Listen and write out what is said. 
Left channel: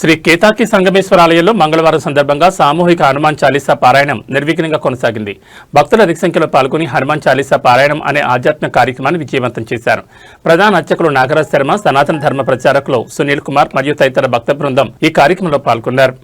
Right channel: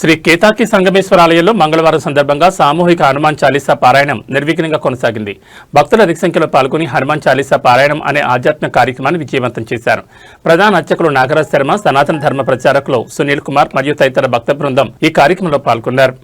శ్రీ కేతాకి సంగమేశ్వర ఆలయంలో మంగళవారం సందర్భంగా సామూహిక హనుమాన్ చాలీసా పారాయణం నిర్విఘ్నంగా కొనసాగింది. భక్తుల అధిక సంఖ్యలో పాల్గొని హనుమాన్ చాలీసా పారాయణం అనే ఆధ్యాత్మిక కార్యక్రమాన్ని విజయవంతం చేశారు. ప్రధాన అర్చకులు నాగరాజ్ శర్మ, సనాతన ధర్మ ప్రచారకులు సునీల్ కుమార్ మరియు తదితర భక్త బృందం ఈ కార్యక్రమంలో పాల్గొన్నారు.